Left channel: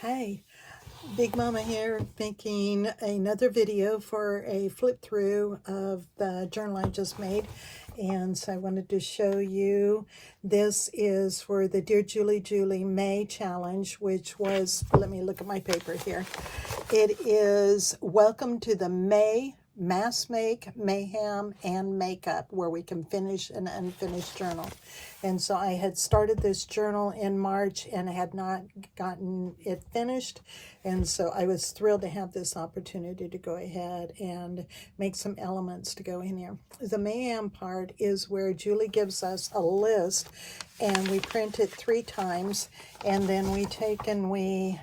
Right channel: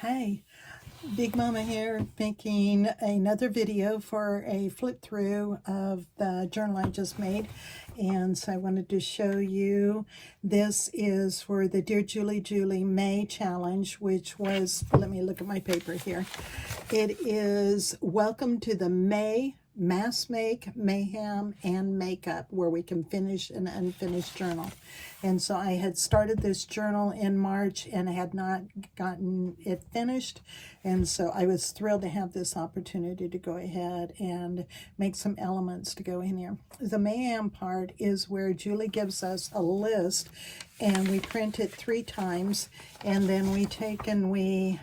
Hey, Big Mama here, making another video for a flip through of the journal I just made. And so I wanted to show you, this is for the Dear Julie Julie May challenge, which was, let me look at my paper here. It is Welcome to the May Mass Make, Mayhem, and Makeup, where we can finish an unfinished journal. And so I had started this journal in March and had not gotten it finished. And so I was thrilled to have this opportunity to go ahead and make some elements to go in here. The Mayhem part is where Julie gives us a list and we print it 3 times. And then we take and we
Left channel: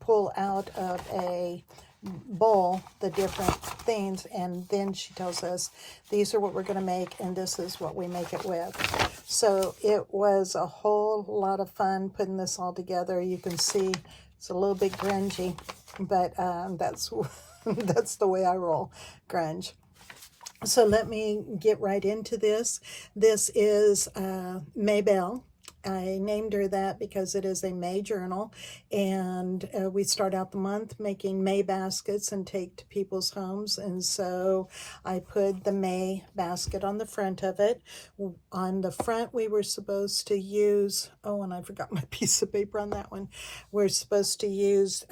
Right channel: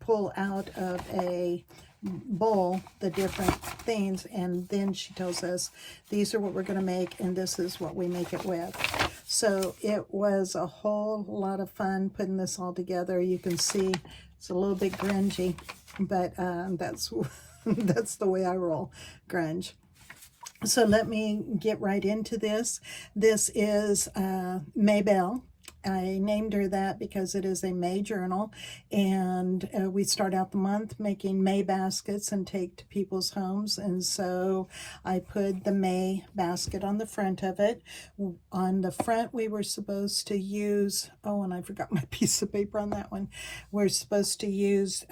pull out of a bowl the different things, and then she tells us these are what we're going to make and this is what we make it with. So it was a whole lot of fun putting this all together. You can see it's a little bit grungy, but that's that's the way I roll, grunge. So let me get right into this. This is Maybelle. I named her that because it is a May journal, and we start out the month making May baskets and take to people's homes, and so I put the May basket on the front of it. On the front we were supposed to use, oh, and I forgot my piece of paper on that one. We're supposed to use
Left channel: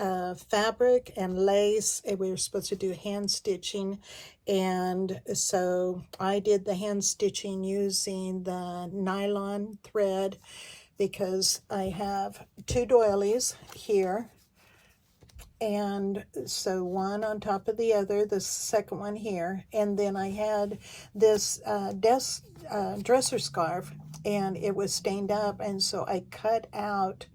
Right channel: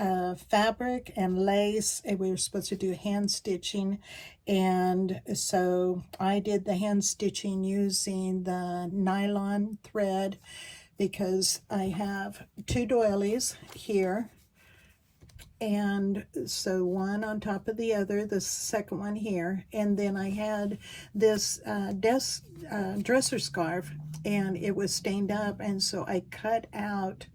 fabric and lace, and we were supposed to do hand stitching. And so I did the hand stitching using the nylon thread because I have 2 doilies here. And so one on top of the other, the second one here. And then I had this dresser scarf, and it was stained up. And so I cut out,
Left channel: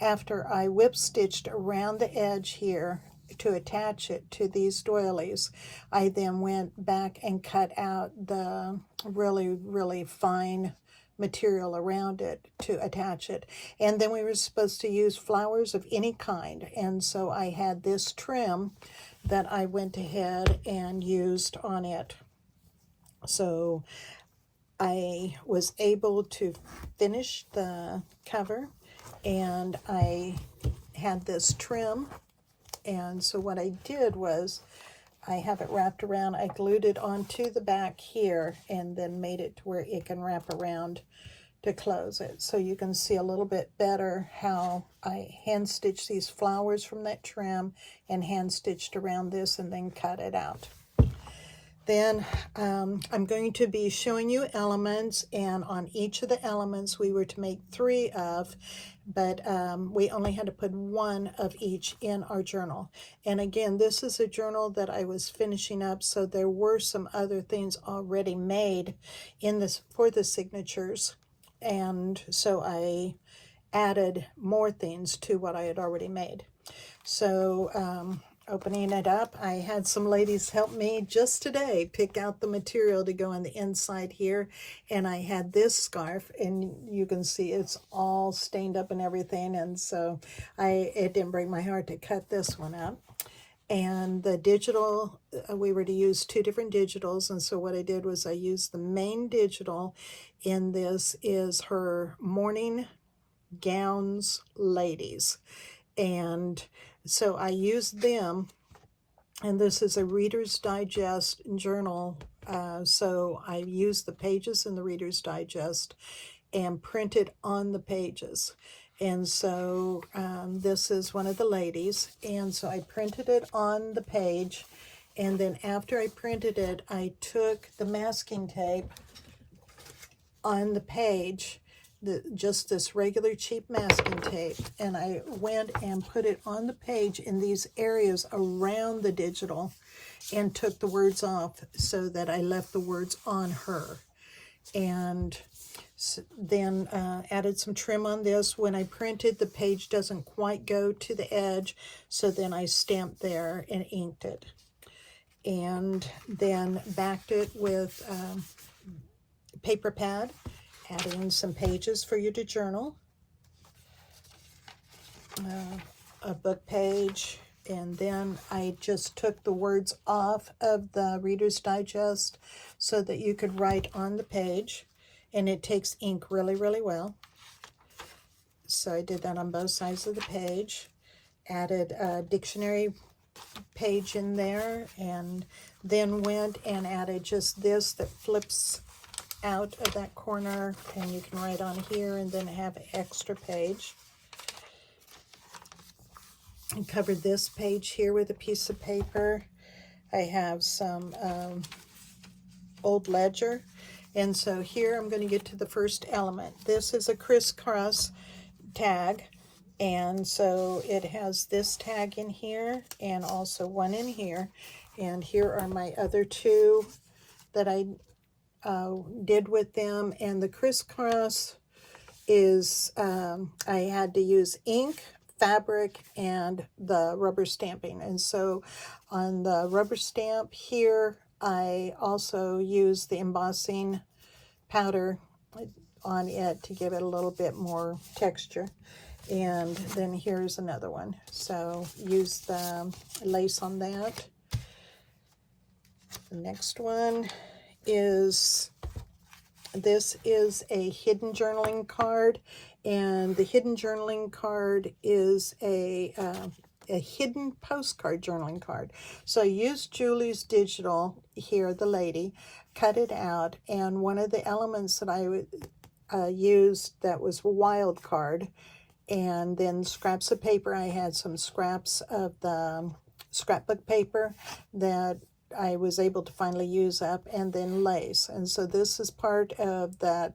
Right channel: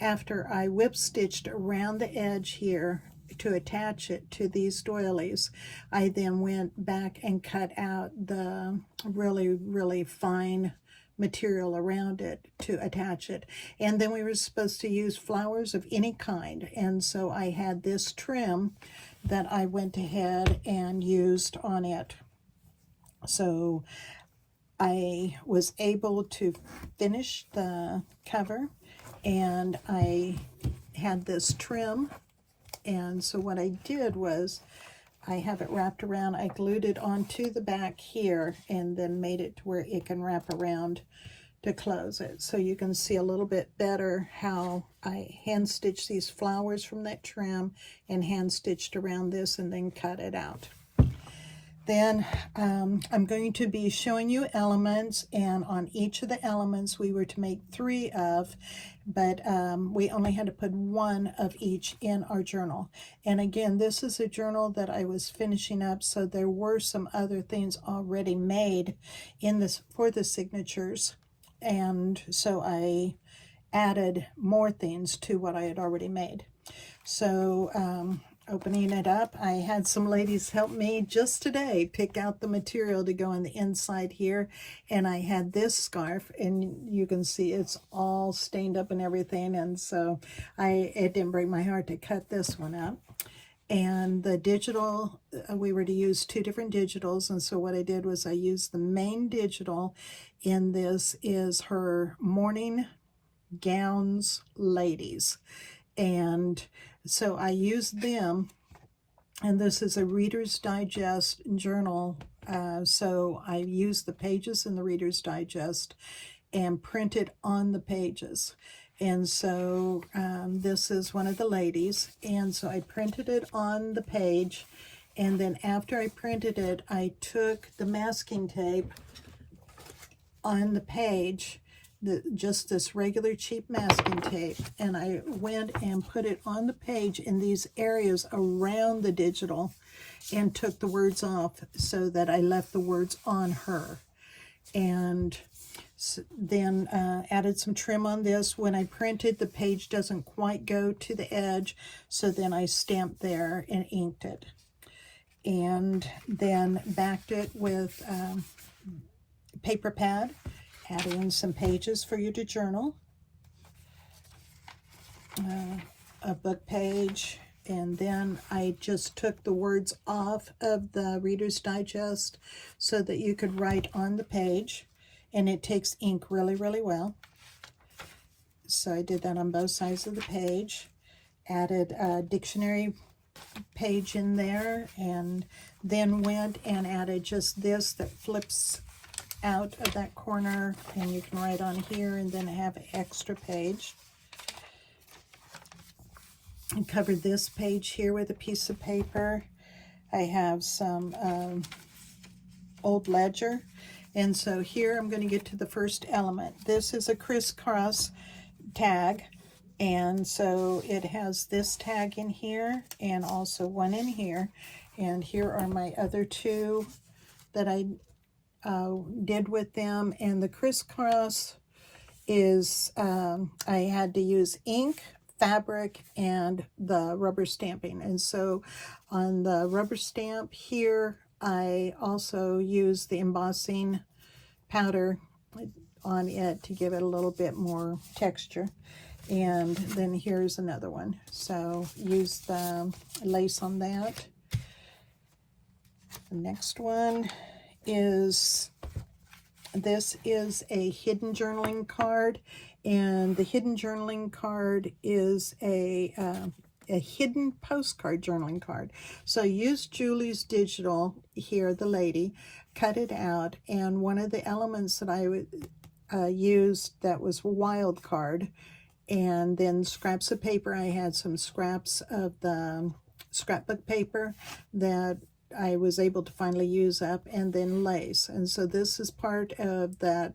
after I whip stitched around the edge here, to attach it to these doilies, I then went back and cut out the really fine material around it to attach it. And then we were supposed to use flowers of any kind, and so I had this trim that I went ahead and used on it. So I was able to finish the cover, and I had this trim. And so what I did was I have it wrapped around. I glued it onto the back here and then made it to where it can wrap around to close it. So you can see a little bit better how I hand stitched these flowers from that trim and hand stitched around this and then cut it out. Then I'm going to be showing you elements, and on each of the elements we were to make 3 of, but we only had to put 1 of each in our journal. And again, this is a journal that I was finishing up, so there were some other things already made in this for the signatures, and so I added more things to what I had already made. So opening it up, I had some ladies help me just today pick out the material to go on the inside here, and I had this scarf, and you can see it's all stained up and everything, and so it didn't break my heart to cut this one out. And the digital, we were to use 2 different digitals, and so what I did was I used the main digital, and this is her morning gowns ladies. And so I used them, and this is a Reader's Digest journal, so I used the pages in the Reader's Digest and printed on the pages. And so this is one of the ladies, and so I printed it on the page, and then after I printed it, I took the masking tape on the page, just this regular cheap masking tape, and I went and put it on the page in these areas around the digital and took the words off so that I left the words on her. And then added some trim on this. When I printed, the page doesn't quite go to the edge, so then I stamped there and inked it, and then backed it with paper pad, adding some pages for you to journal, a book page, and then I just took the words off of the Reader's Digest so that you could write on the page, and it takes ink really well. So I did that on both sides of the page. added a dictionary page in there, and then went and added just this that flips out of that corner, and you can write on here and then have an extra page. I covered this page here with a piece of paper. I have some old ledger, and so here I'm going to get to the first element. This is a crisscross tag, and so it has this tag in here and also one in here, and here are my other two that I did with them. And the crisscross is I had to use ink, fabric, and the rubber stamping. And so on the rubber stamp here, I also used the embossing powder on it to give it a little bit more texture. And then here's another one. So use the lace on that. The next one is, this is a hidden journaling card, and the hidden journaling card is a hidden postcard journaling card. So I used Julie's Digital here, the lady, cut it out, and one of the elements that I used that was wild card, and then scraps of paper. I had some scraps of the scrapbook paper that I was able to finally use up, and then lace. And so this is part of that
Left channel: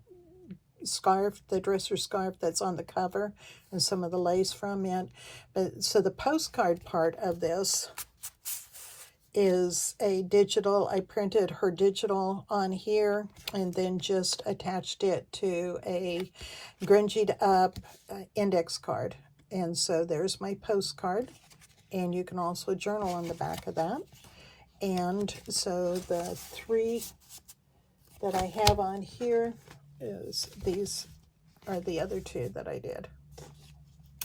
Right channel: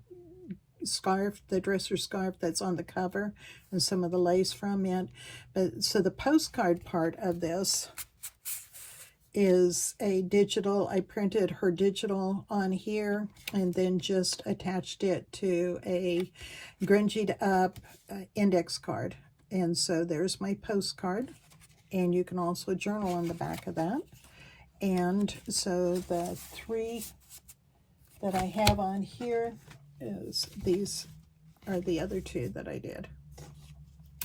scarf, the dresser scarf that's on the cover, and some of the lace from it. But so the postcard part of this is a digital. I printed her digital on here and then just attached it to a grungied up index card. And so there's my postcard, and you can also journal on the back of that. And so the three that I have on here is, these are the other two that I did.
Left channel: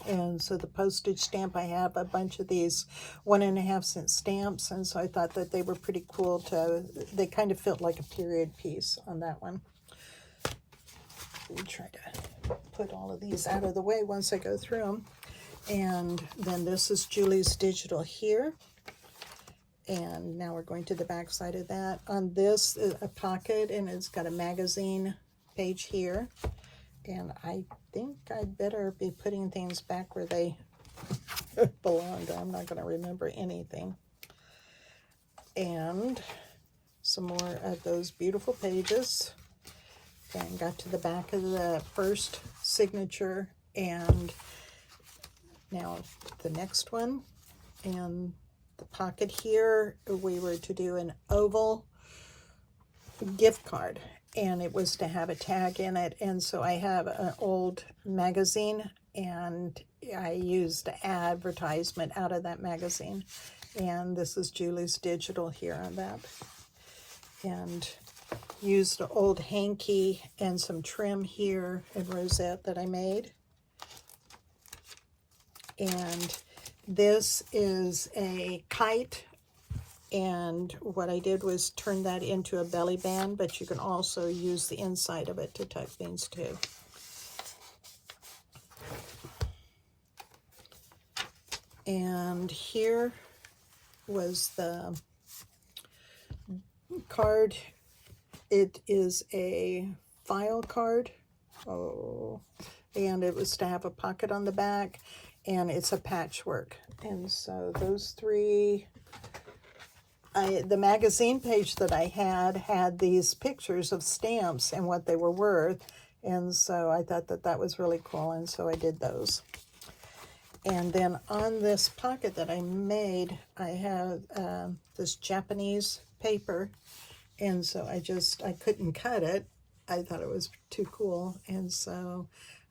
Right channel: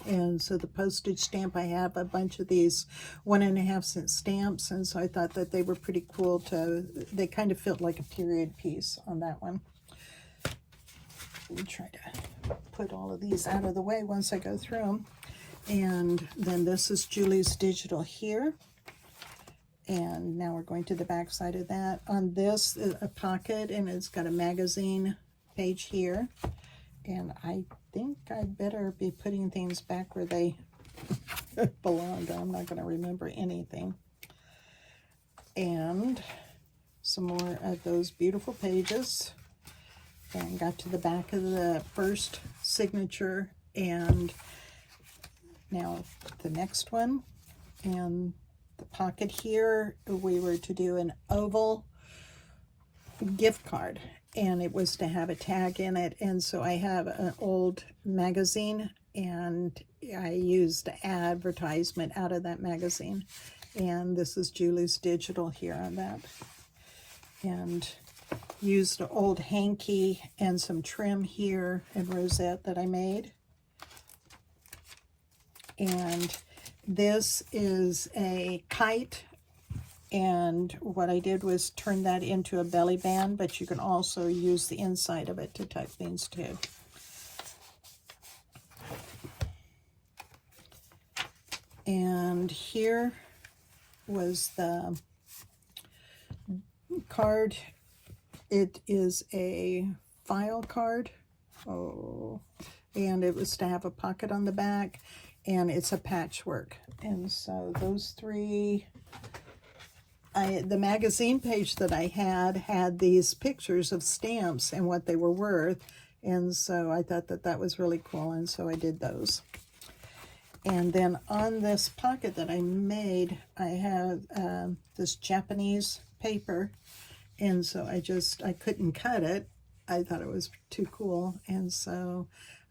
And so the postage stamp, I have a bunch of these 1.5 cent stamps, and so I thought that they were pretty cool they kind of felt like a period piece on that one. We'll try to put all of these out of the way once I go through them. And then this is Julie's Digital here. And now we're going to the back side of that. On this is a pocket, and it's got a magazine page here. And I think I'd better be putting things back where they belong, or I'm not going to remember anything. And some more of those beautiful pages. And got to the back of the first signature, and now the next one. And the pocket here, we were to do an oval gift card, and it was to have a tag in it. And so I have an old magazine, and I used the advertisement out of that magazine. And this is Julie's Digital here on that. And used an old hanky and some trim here and rosette that I made. And this is a kite, and what I did was turn that into a belly band, but you can also use the inside of it to tuck things too. And here was the card. It is a file card. And it was to have a pocket on the back, and it's a patchwork. And so those three, the magazine page that I had these pictures of stamps and what they were worth, and so I thought that that was really cool, and so I did those. And then on this pocket that I made, I have this Japanese paper, and so I couldn't cut it. I thought it was too cool, and so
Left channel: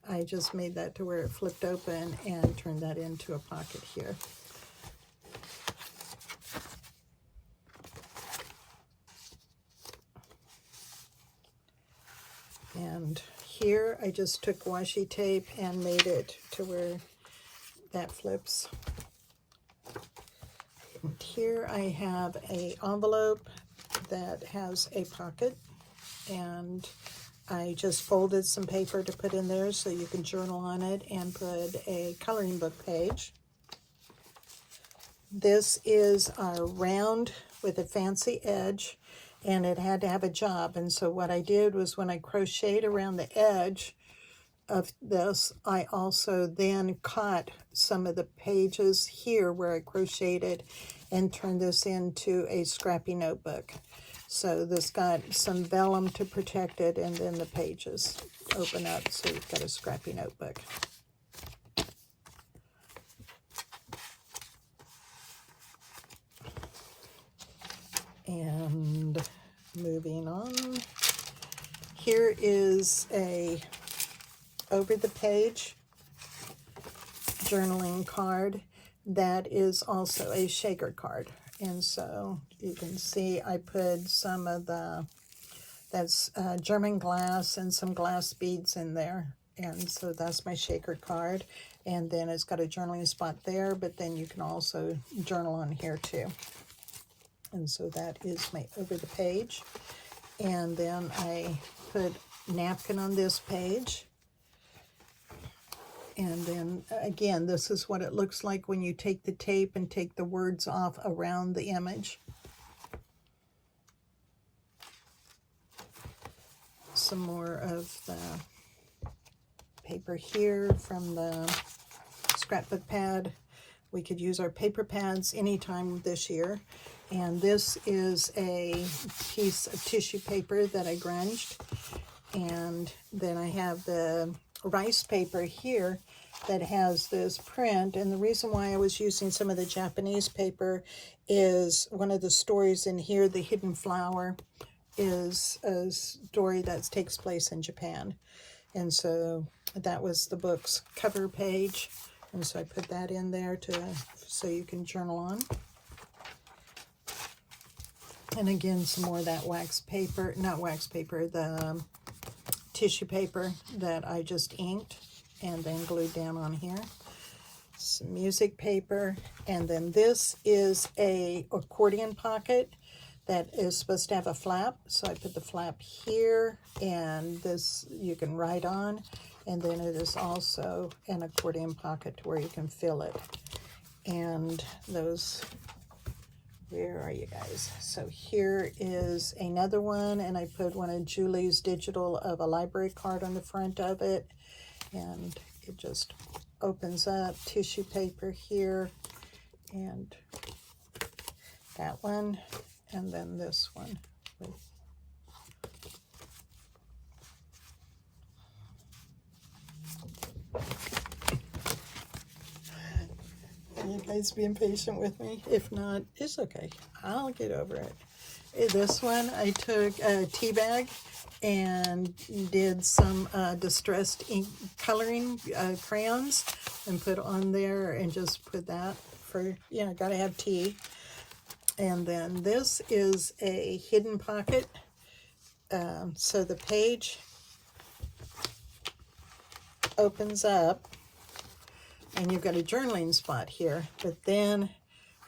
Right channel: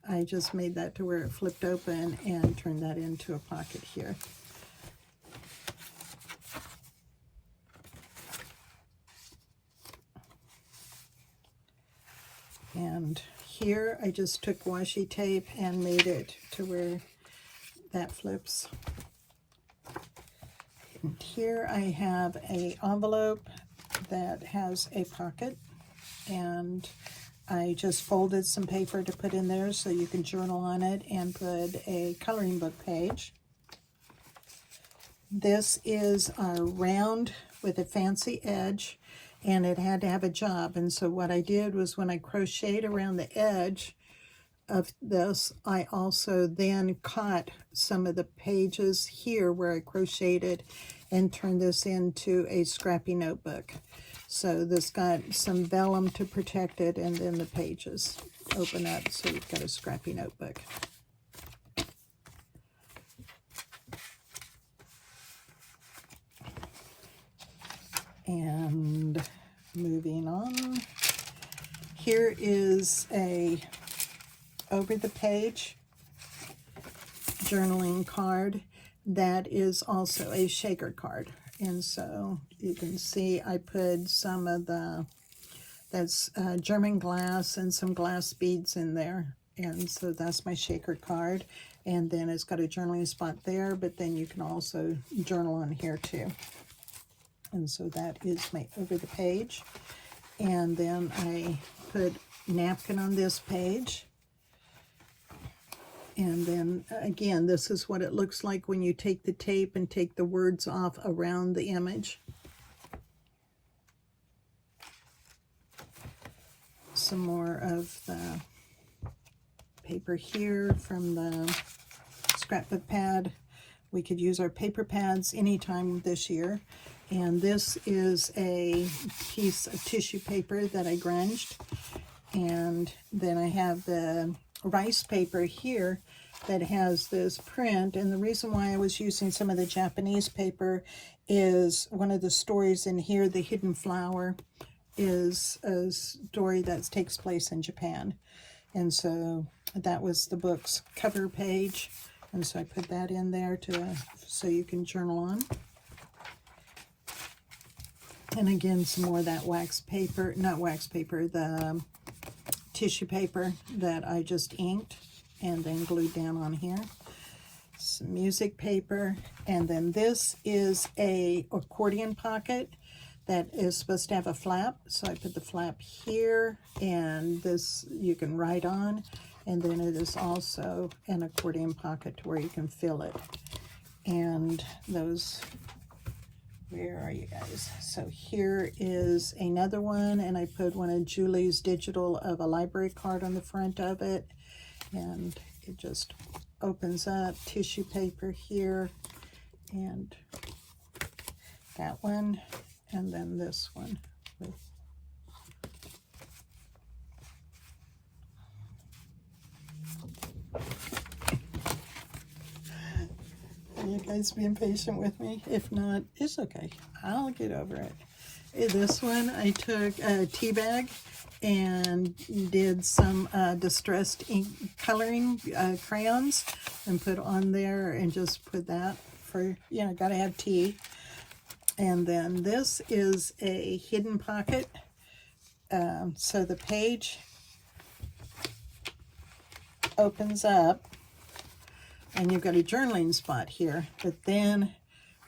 I just made that to where it flipped open and turned that into a pocket here. And here I just took washi tape and made it to where that flips. And here I have an envelope that has a pocket, and I just folded some paper to put in there so you can journal on it and put a coloring book page. This is a round with a fancy edge, and it had to have a job. And so what I did was when I crocheted around the edge of this, I also then caught some of the pages here where I crocheted and turned this into a scrappy notebook. So this got some vellum to protect it, and then the pages open up, so you've got a scrappy notebook. And moving on, here is a over the page journaling card that is also a shaker card. And so you can see I put some of that's German glass and some glass beads in there. And so that's my shaker card. And then it's got a journaling spot there, but then you can also journal on here too. And so that is my over the page. And then I put napkin on this page. And then again, this is what it looks like when you take the tape and take the words off around the image. Some more of the paper here from the scrapbook pad. We could use our paper pads anytime this year. And this is a piece of tissue paper that I grunged. And then I have the rice paper here that has this print. And the reason why I was using some of the Japanese paper is one of the stories in here, The Hidden Flower, is a story that takes place in Japan. And so that was the book's cover page. And so I put that in there so you can journal on. And again, some more of that wax paper, not wax paper, the tissue paper that I just inked and then glued down on here. Some music paper. And then this is a accordion pocket that is supposed to have a flap. So I put the flap here, and this you can write on. And then it is also an accordion pocket where you can fill it. And those, where are you guys? So here is another one, and I put one of Julie's digital of a library card on the front of it. And it just opens up, tissue paper here, and that one, and then this one. Are you guys being patient with me? If not, it's okay. I'll get over it. This one, I took a tea bag and did some distressed ink coloring crayons and put on there, and just put that for, you know, gotta have tea. And then this is a hidden pocket. So the page opens up, and you've got a journaling spot here, but then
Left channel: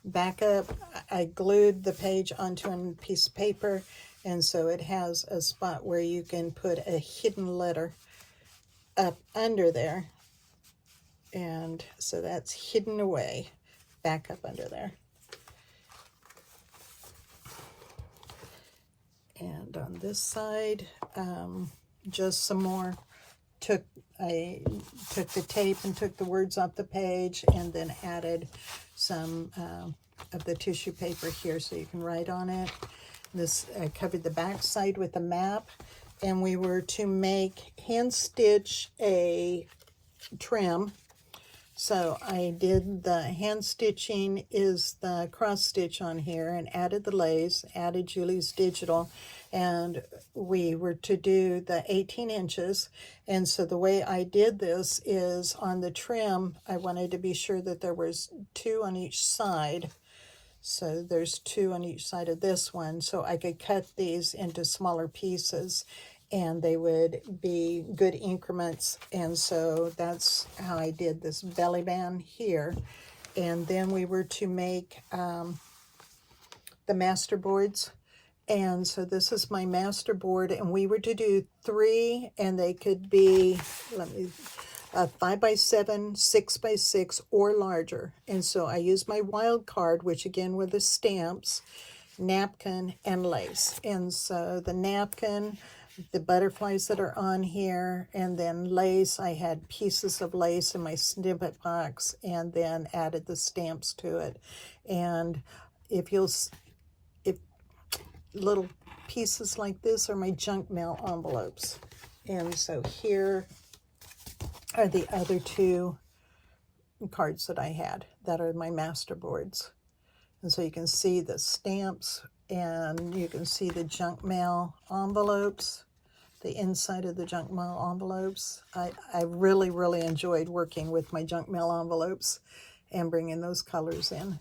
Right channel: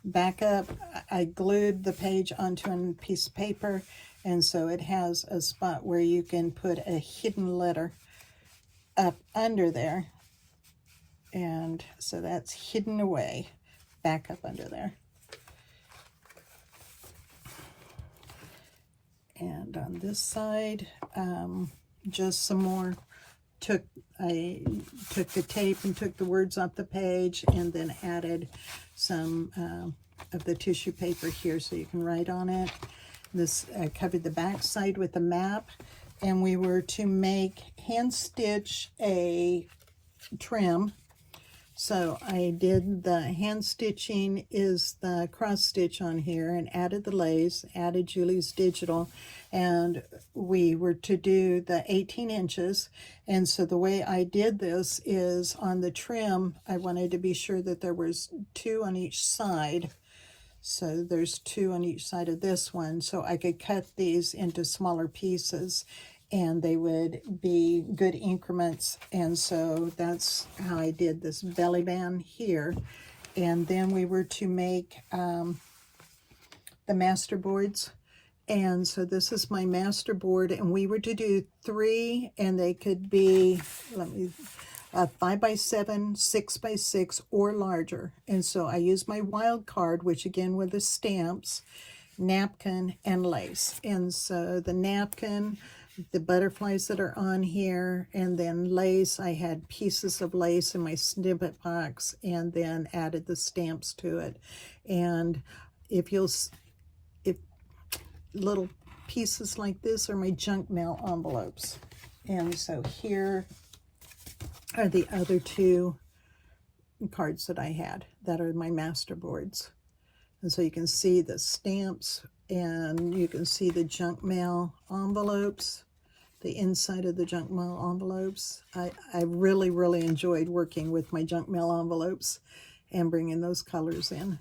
back up, I glued the page onto a piece of paper, and so it has a spot where you can put a hidden letter up under there, and so that's hidden away back up under there. And on this side, just some more. I took the tape and took the words off the page, and then added some of the tissue paper here so you can write on it. This covered the back side with a map, and we were to make hand stitch a trim. So I did the hand stitching is the cross stitch on here, and added the lace, added Julie's digital, and we were to do the 18 inches. And so the way I did this is on the trim, I wanted to be sure that there was 2 on each side. So there's 2 on each side of this one, so I could cut these into smaller pieces, and they would be good increments. And so that's how I did this belly band here. And then we were to make the master boards. And so this is my master board, and we were to do 3, and they could be, 5x7, 6x6, or larger. And so I used my wild card, which again were the stamps, napkin, and lace. And so the napkin, the butterflies that are on here, and then lace, I had pieces of lace in my snippet box, and then added the stamps to it. And if little pieces like this are my junk mail envelopes. And so here are the other two cards that I had that are my master boards. And so you can see the stamps, and you can see the junk mail envelopes, the inside of the junk mail envelopes. I really, really enjoyed working with my junk mail envelopes and bringing those colors in.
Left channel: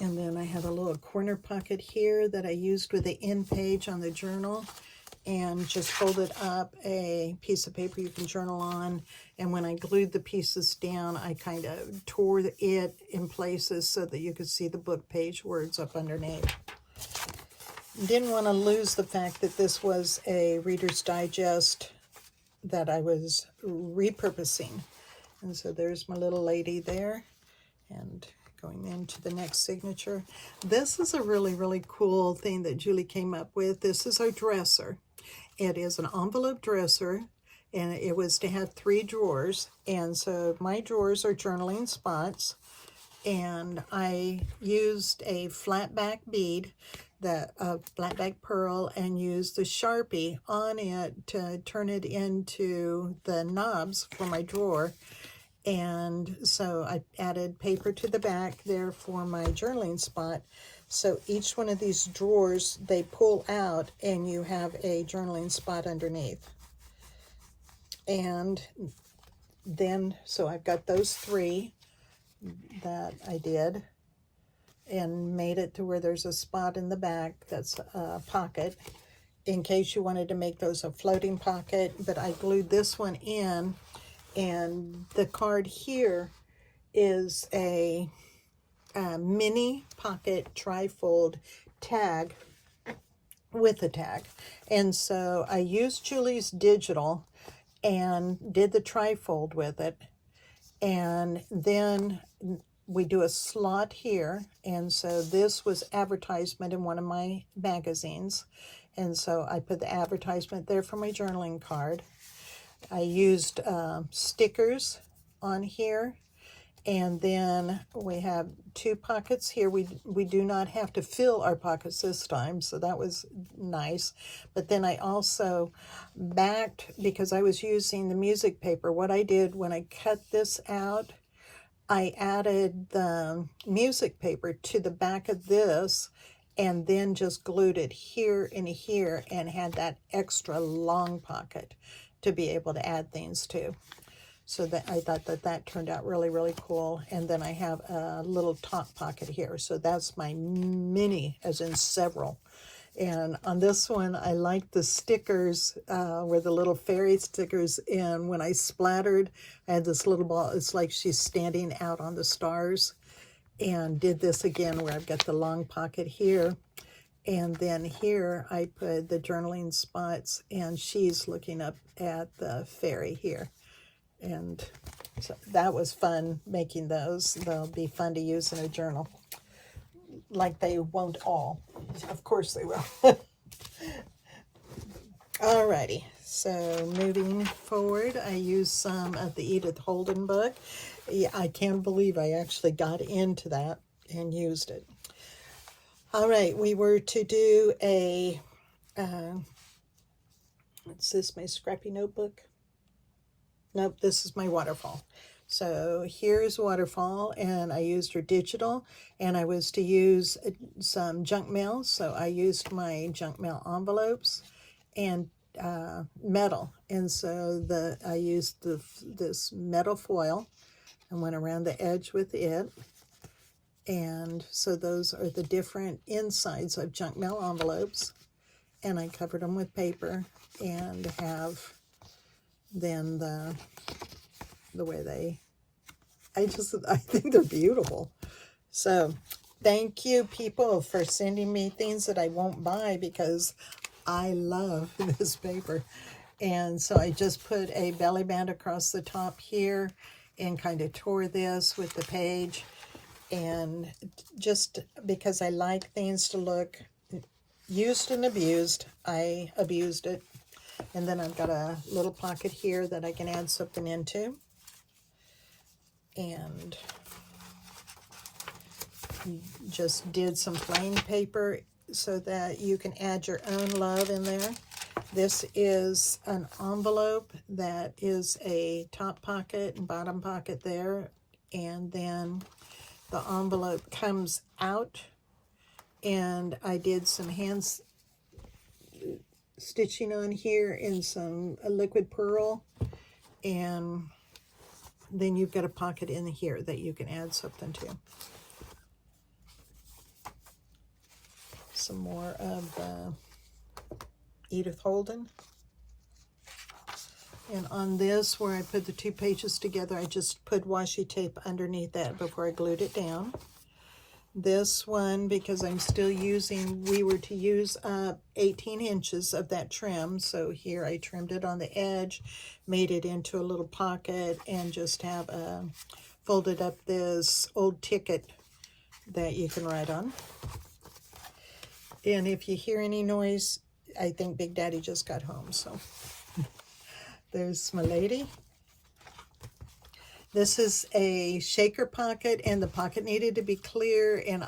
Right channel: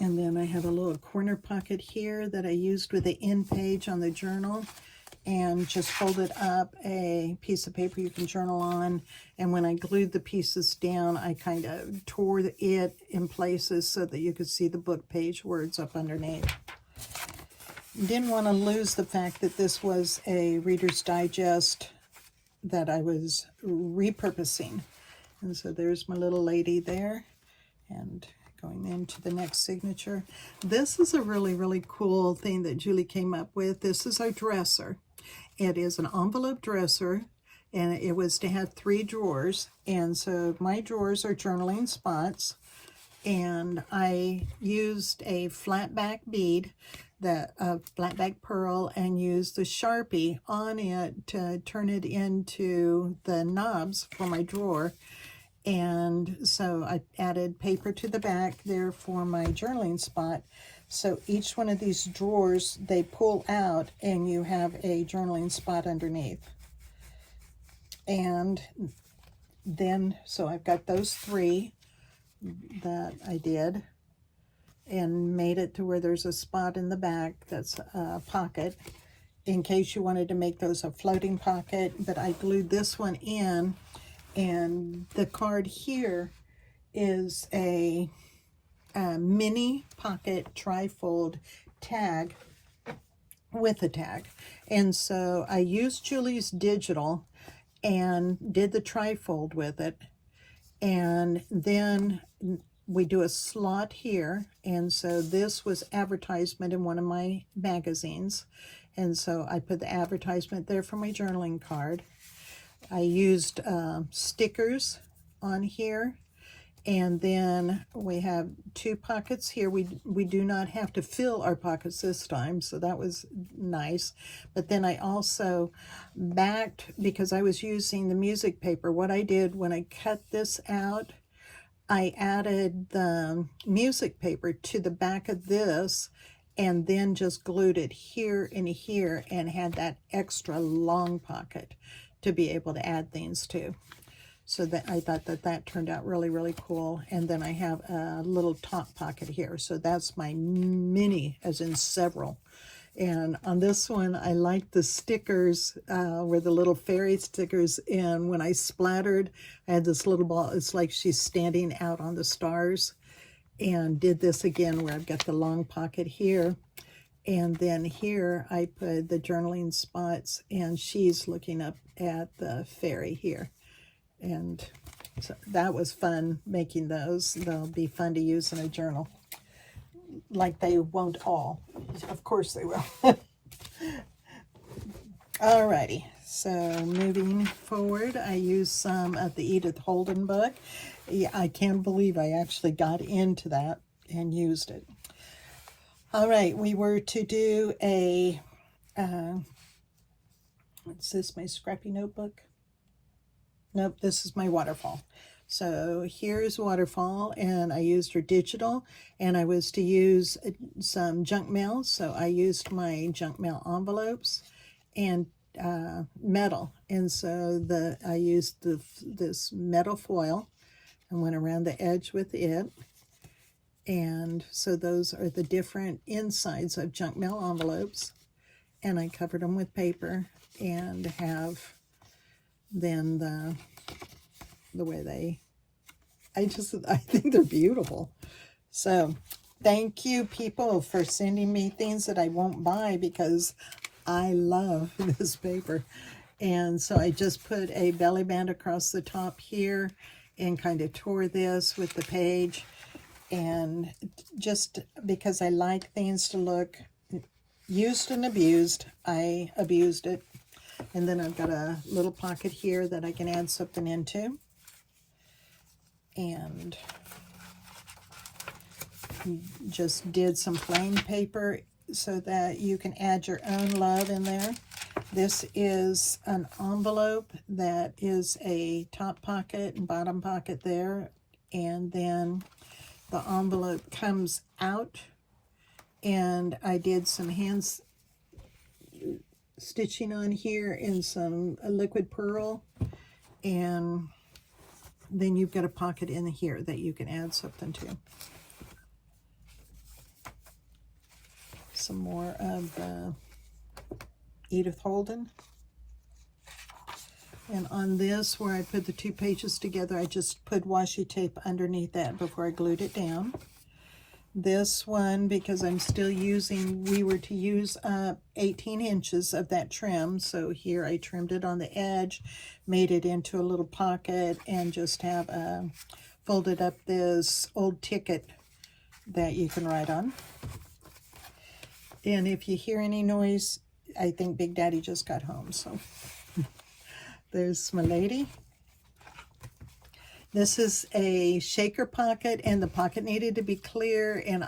And then I have a little corner pocket here that I used with the end page on the journal, and just folded up a piece of paper you can journal on. And when I glued the pieces down, I kind of tore it in places so that you could see the book page words up underneath. Didn't want to lose the fact that this was a Reader's Digest that I was repurposing. And so there's my little lady there. And going into the next signature. This is a really, really cool thing that Julie came up with. This is our dresser. It is an envelope dresser, and it was to have 3 drawers. And so my drawers are journaling spots, and I used a flat back bead, flat back pearl, and used the Sharpie on it to turn it into the knobs for my drawer. And so I added paper to the back there for my journaling spot. So each one of these drawers, they pull out, and you have a journaling spot underneath. And then, so I've got those 3 that I did, and made it to where there's a spot in the back that's a pocket, in case you wanted to make those a floating pocket. But I glued this one in. And the card here is a mini pocket trifold tag with a tag. And so I used Julie's digital and did the trifold with it. And then we do a slot here. And so this was advertisement in one of my magazines. And so I put the advertisement there for my journaling card. I used stickers on here, and then we have 2 pockets here. We do not have to fill our pockets this time, so that was nice. But then I also backed, because I was using the music paper, what I did when I cut this out, I added the music paper to the back of this, and then just glued it here and here, and had that extra long pocket to be able to add things to. So that I thought that turned out really, really cool. And then I have a little top pocket here. So that's my mini, as in several. And on this one, I like the stickers, where the little fairy stickers, and when I splattered, I had this little ball. It's like she's standing out on the stars. And did this again where I've got the long pocket here. And then here I put the journaling spots, and she's looking up at the fairy here. And so that was fun making those. They'll be fun to use in a journal. Like they won't all. Of course they will. Alrighty, so moving forward, I used some of the Edith Holden book. Yeah, I can't believe I actually got into that and used it. All right, we were to do a, what's this, my scrappy notebook? Nope, this is my waterfall. So here's waterfall, and I used her digital, and I was to use some junk mail. So I used my junk mail envelopes and metal. And so I used this metal foil and went around the edge with it. And so those are the different insides of junk mail envelopes. And I covered them with paper, and have then the way they I think they're beautiful. So thank you, people, for sending me things that I won't buy because I love this paper. And so I just put a belly band across the top here and kind of tore this with the page. And just because I like things to look used and abused, I abused it. And then I've got a little pocket here that I can add something into. And just did some plain paper so that you can add your own love in there. This is an envelope that is a top pocket and bottom pocket there. And then the envelope comes out, and I did some hands stitching on here in some liquid pearl, and then you've got a pocket in here that you can add something to. Some more of the Edith Holden. And on this, where I put the two pages together, I just put washi tape underneath that before I glued it down. This one, because I'm still using, we were to use 18 inches of that trim. So here I trimmed it on the edge, made it into a little pocket, and just have folded up this old ticket that you can write on. And if you hear any noise, I think Big Daddy just got home. So there's my lady. This is a shaker pocket, and the pocket needed to be clear. And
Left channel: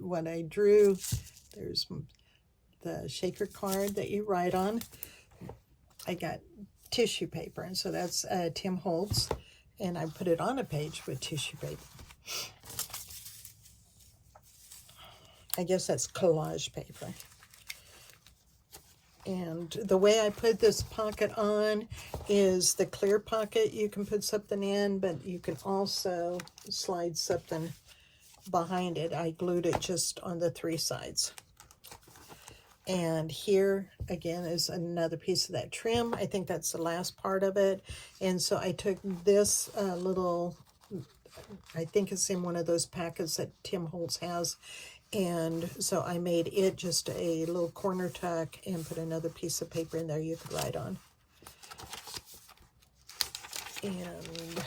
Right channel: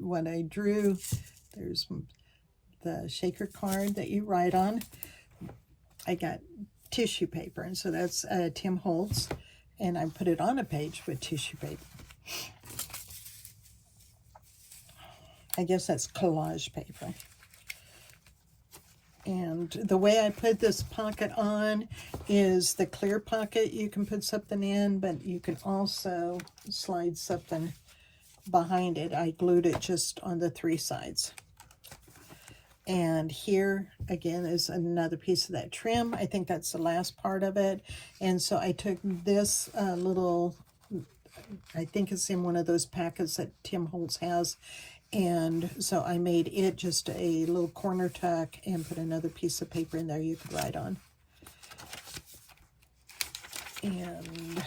what I drew, there's the shaker card that you write on. I got tissue paper, and so that's Tim Holtz, and I put it on a page with tissue paper. I guess that's collage paper. And the way I put this pocket on is the clear pocket. You can put something in, but you can also slide something behind it. I glued it just on the three sides. And here, again, is another piece of that trim. I think that's the last part of it. And so I took this little, I think it's in one of those packets that Tim Holtz has. And so I made it just a little corner tuck and put another piece of paper in there you could write on. And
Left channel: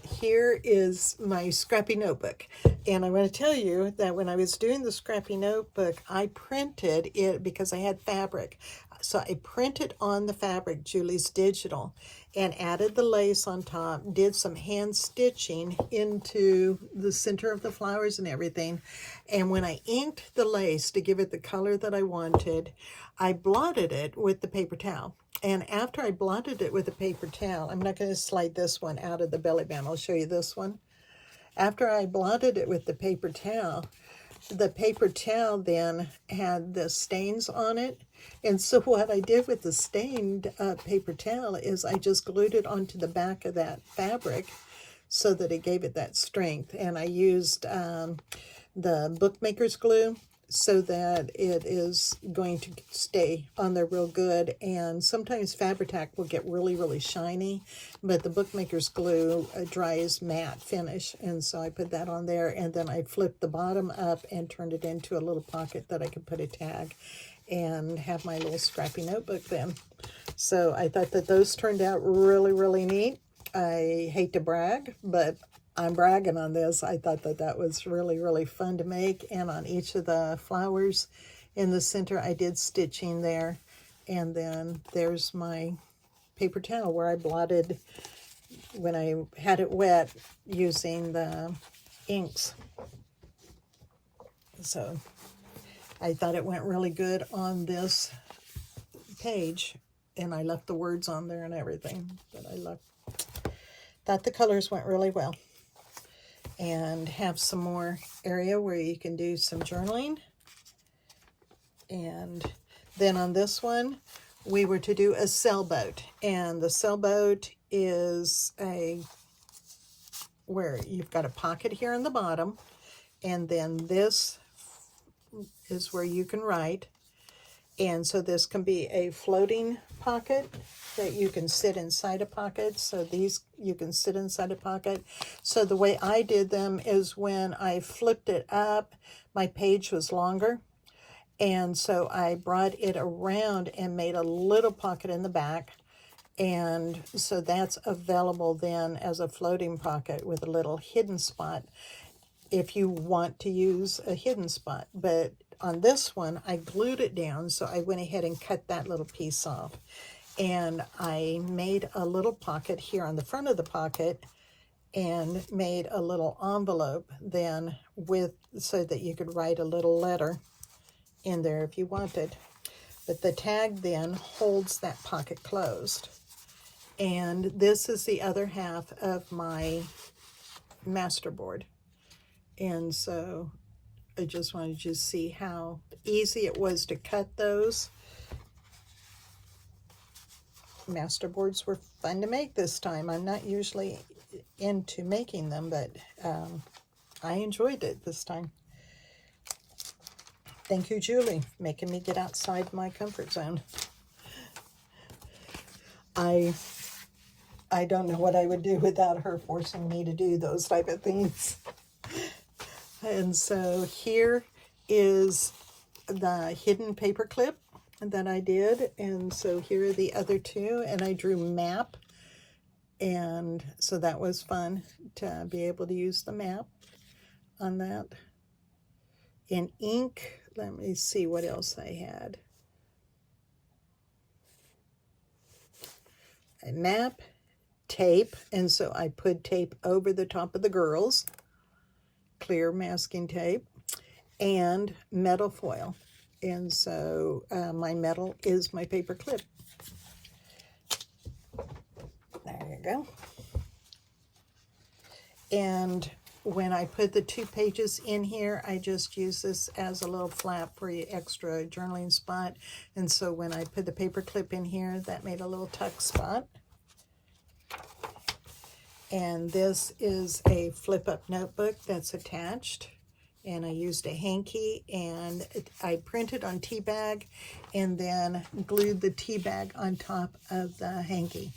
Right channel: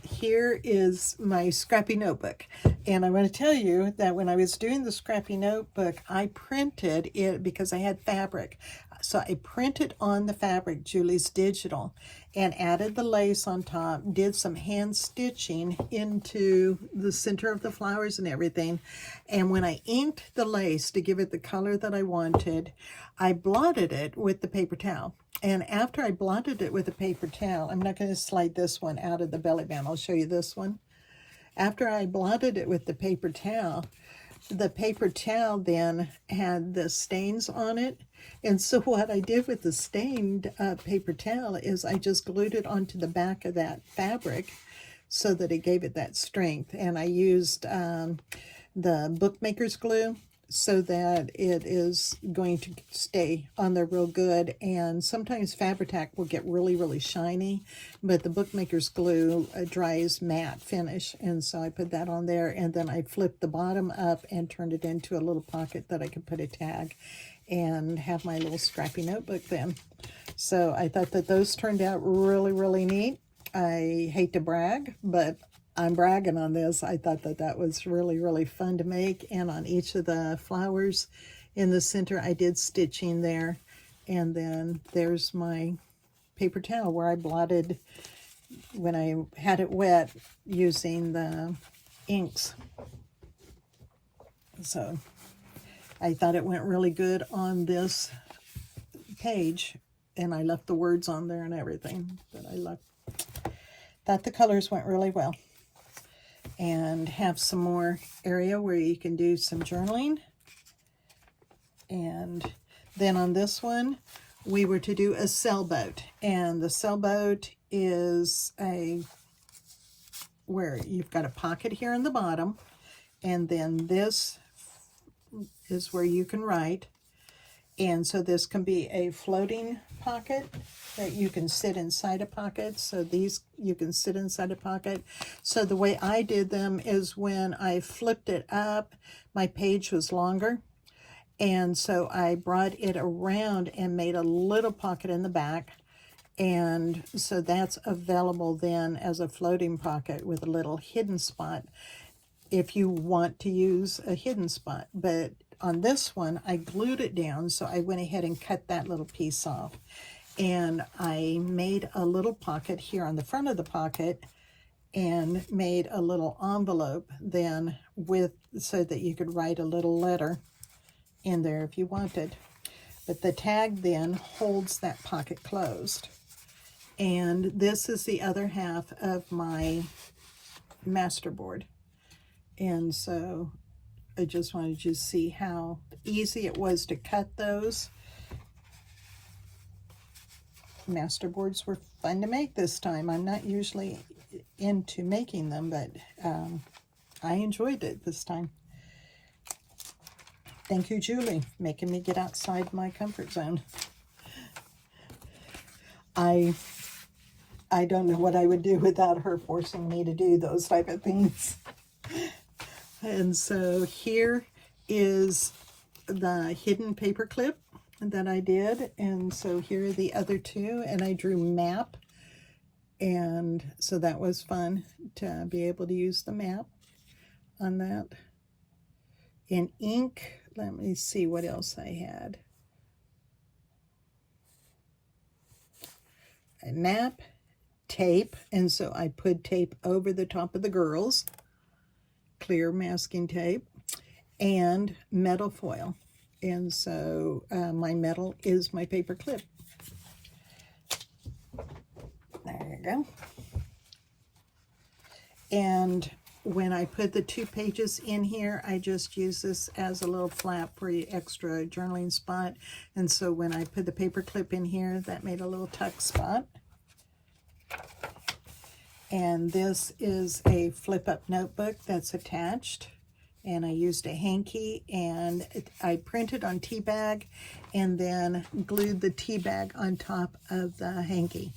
here is my scrappy notebook. And I want to tell you that when I was doing the scrappy notebook, I printed it because I had fabric. So I printed on the fabric Julie's Digital and added the lace on top, did some hand stitching into the center of the flowers and everything. And when I inked the lace to give it the color that I wanted, I blotted it with the paper towel. And after I blotted it with a paper towel, I'm not going to slide this one out of the belly band. I'll show you this one. After I blotted it with the paper towel then had the stains on it. And so what I did with the stained paper towel is I just glued it onto the back of that fabric so that it gave it that strength. And I used the bookmaker's glue so that it is going to stay on there real good. And sometimes Fabri-Tac will get really, really shiny, but the bookmaker's glue dries matte finish. And so I put that on there, and then I flipped the bottom up and turned it into a little pocket that I could put a tag and have my little scrappy notebook then. So I thought that those turned out really, really neat. I hate to brag, but I'm bragging on this. I thought that that was really, really fun to make. And on each of the flowers in the center, I did stitching there. And then there's my paper towel where I blotted when I had it wet using the inks. So I thought it went really good on this page. And I left the words on there and everything. But I thought the colors went really well. And have some more area where you can do some journaling. And then on this one, we were to do a sailboat. And the sailboat is where you've got a pocket here in the bottom. And then this is where you can write. And so this can be a floating pocket that you can sit inside a pocket. So these, you can sit inside a pocket. So the way I did them is when I flipped it up, my page was longer. And so I brought it around and made a little pocket in the back. And so that's available then as a floating pocket with a little hidden spot if you want to use a hidden spot. But on this one, I glued it down, so I went ahead and cut that little piece off. And I made a little pocket here on the front of the pocket and made a little envelope then with, so that you could write a little letter in there if you wanted. But the tag then holds that pocket closed. And this is the other half of my masterboard. And so I just wanted you to see how easy it was to cut those. Masterboards were fun to make this time. I'm not usually into making them, but I enjoyed it this time. Thank you, Julie, making me get outside my comfort zone. I don't know what I would do without her forcing me to do those type of things. And so here is the hidden paper clip that I did. And so here are the other two. And I drew map. And so that was fun to be able to use the map on that. In ink, let me see what else I had. A map, tape, and so I put tape over the top of the girls. Clear masking tape, and metal foil. And so my metal is my paper clip. There you go. And when I put the 2 pages in here, I just use this as a little flap for your extra journaling spot. And so when I put the paper clip in here, that made a little tuck spot. And this is a flip-up notebook that's attached. And I used a hanky, and I printed on tea bag and then glued the tea bag on top of the hanky.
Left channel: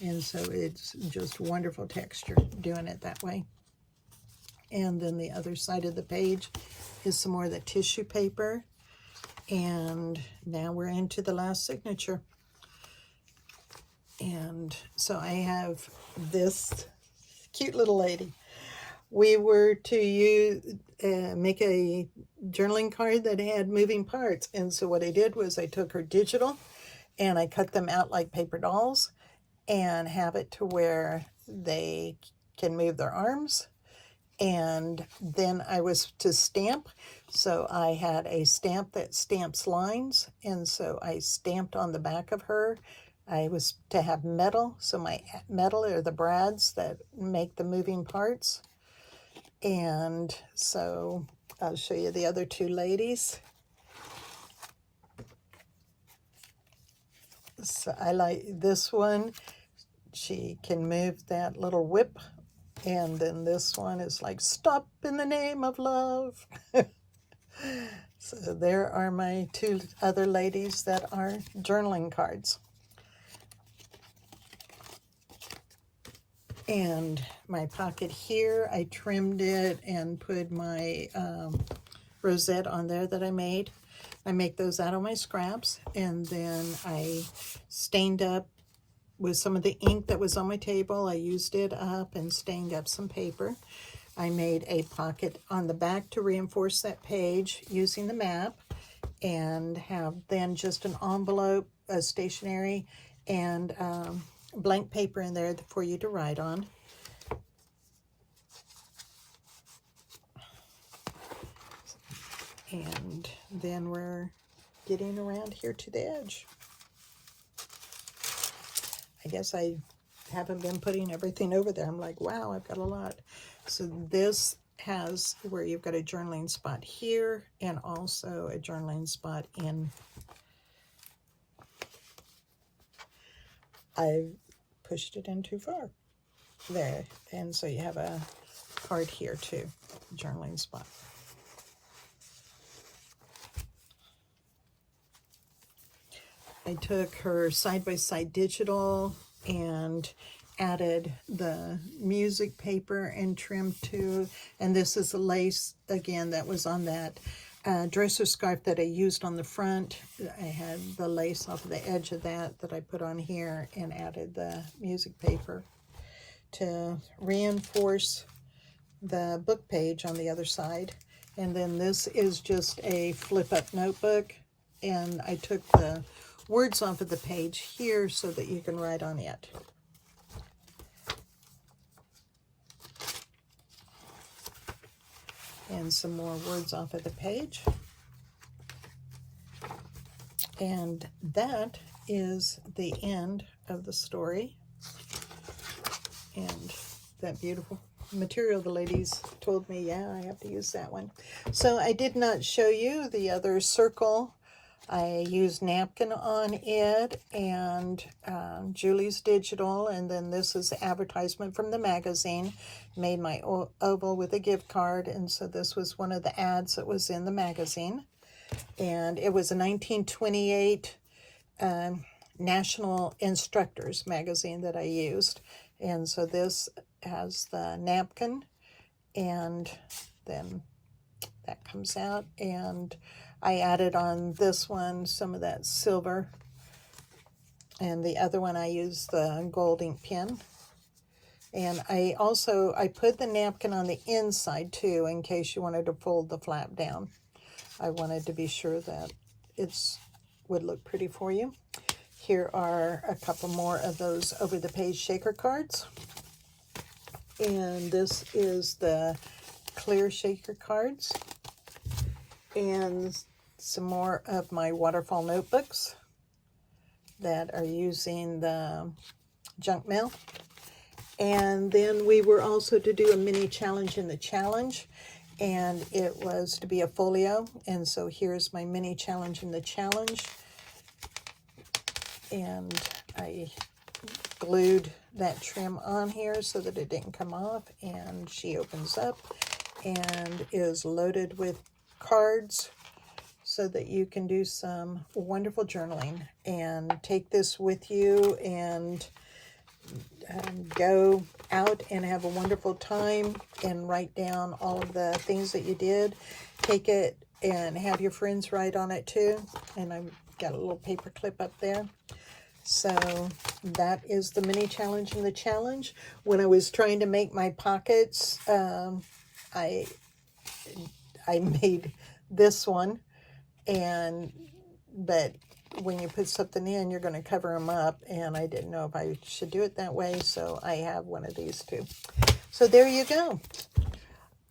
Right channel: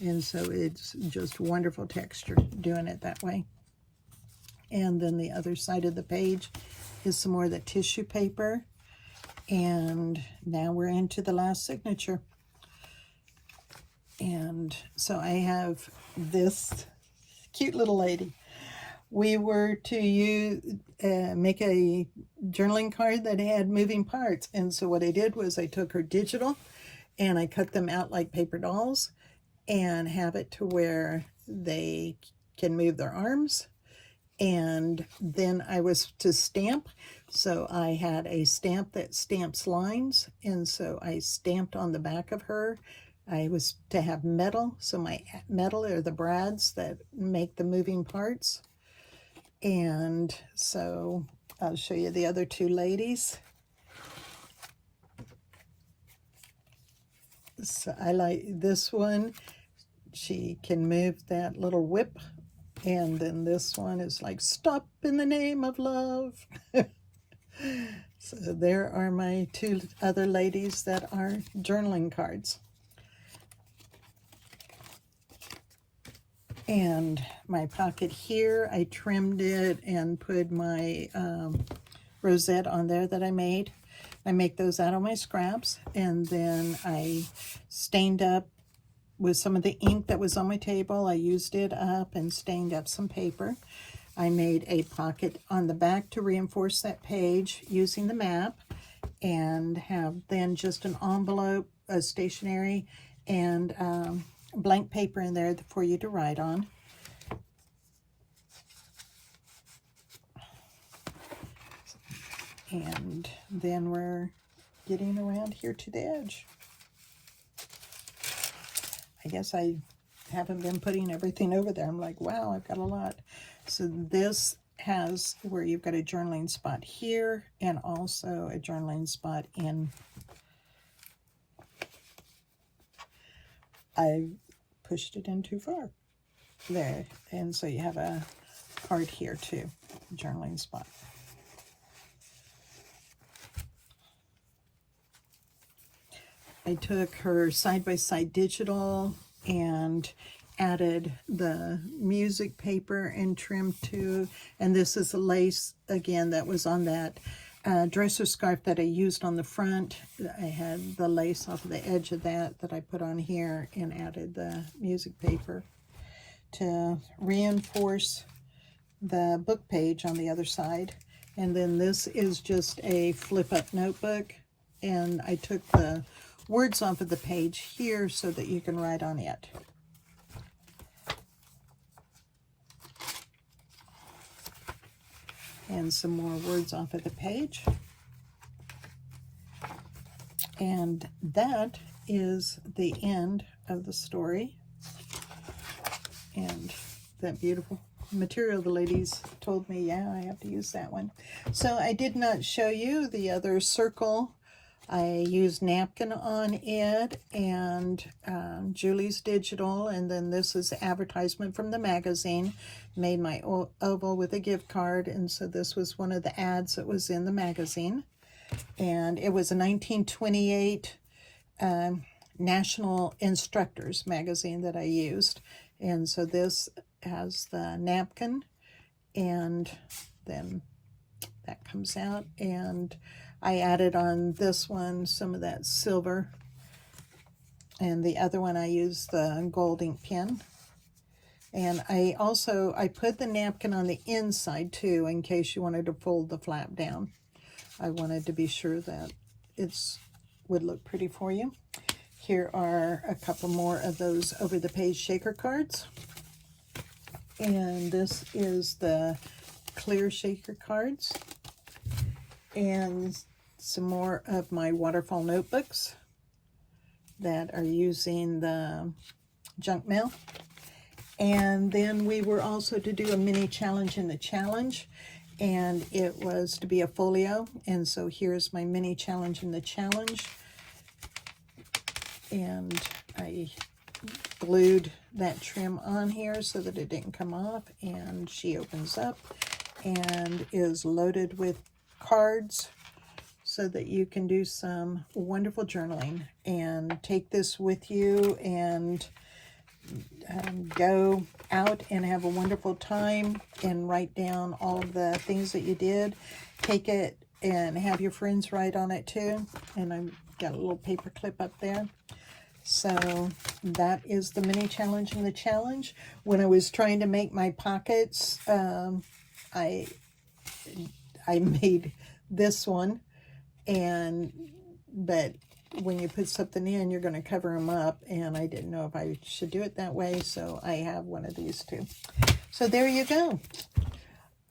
And so it's just wonderful texture doing it that way. And then the other side of the page is some more of the tissue paper. And now we're into the last signature. And so I have this cute little lady. We were to make a journaling card that had moving parts. And so what I did was I took her digital and I cut them out like paper dolls and have it to where they can move their arms. And then I was to stamp. So I had a stamp that stamps lines. And so I stamped on the back of her. I was to have metal, so my metal are the brads that make the moving parts. And so I'll show you the other 2 ladies. So I like this one. She can move that little whip. And then this one is like, stop in the name of love. So there are my 2 other ladies that are journaling cards. And my pocket here, I trimmed it and put my rosette on there that I made. I make those out of my scraps, and then I stained up with some of the ink that was on my table. I used it up and stained up some paper. I made a pocket on the back to reinforce that page using the map, and have then just an envelope, a stationery, and blank paper in there for you to write on. And then we're getting around here to the edge. I guess I haven't been putting everything over there. I'm like, wow, I've got a lot. So this has where you've got a journaling spot here and also a journaling spot in. I pushed it in too far there, and so you have a part here too, journaling spot. I took her side-by-side digital and added the music paper and trim too. And this is a lace, again, that was on that dresser scarf that I used on the front. I had the lace off of the edge of that I put on here and added the music paper to reinforce the book page on the other side. And then this is just a flip-up notebook, and I took the words off of the page here so that you can write on it. And some more words off of the page. And that is the end of the story. And that beautiful material, the ladies told me, yeah, I have to use that one. So I did not show you the other circle. I used napkin on it and Julie's digital, and then this is the advertisement from the magazine. Made my oval with a gift card, and so this was one of the ads that was in the magazine. And it was a 1928 National Instructors magazine that I used. And so this has the napkin, and then that comes out, and I added on this one some of that silver, and the other one I used the gold ink pen. And I put the napkin on the inside too, in case you wanted to fold the flap down. I wanted to be sure that it would look pretty for you. Here are a couple more of those over the page shaker cards. And this is the clear shaker cards. And some more of my waterfall notebooks that are using the junk mail. And then we were also to do a mini challenge in the challenge, and it was to be a folio. And so here's my mini challenge in the challenge. And I glued that trim on here so that it didn't come off, and she opens up and is loaded with cards so that you can do some wonderful journaling and take this with you and go out and have a wonderful time and write down all of the things that you did. Take it and have your friends write on it too. And I've got a little paper clip up there. So that is the mini challenge in the challenge. When I was trying to make my pockets, I made this one, but when you put something in, you're going to cover them up, and I didn't know if I should do it that way, so I have one of these too. So there you go.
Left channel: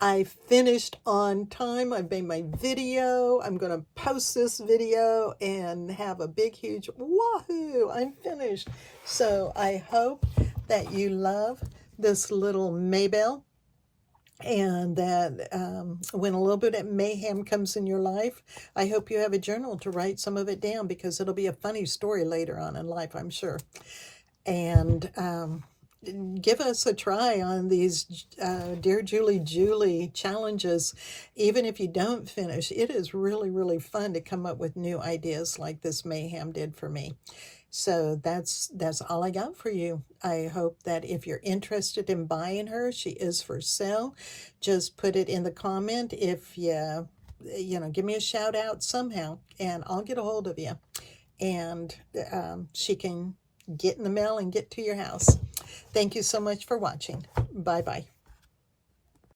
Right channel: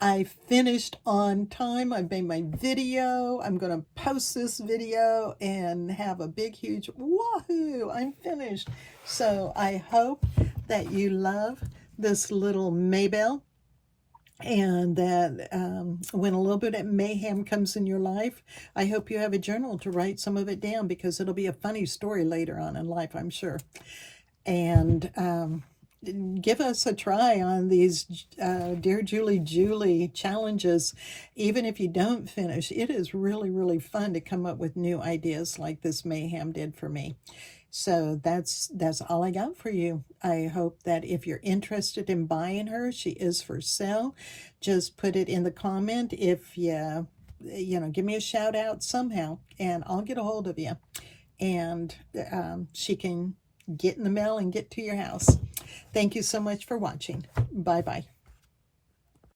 I finished on time. I made my video. I'm going to post this video and have a big, huge wahoo! I'm finished. So I hope that you love this little Maybelle, and that when a little bit of mayhem comes in your life, I hope you have a journal to write some of it down, because it'll be a funny story later on in life, I'm sure. And give us a try on these Dear Julie challenges. Even if you don't finish, it is really, really fun to come up with new ideas like this Mayhem did for me. So that's all I got for you. I hope that if you're interested in buying her, she is for sale. Just put it in the comment. If you give me a shout out somehow, and I'll get a hold of you. And she can get in the mail and get to your house. Thank you so much for watching. Bye-bye.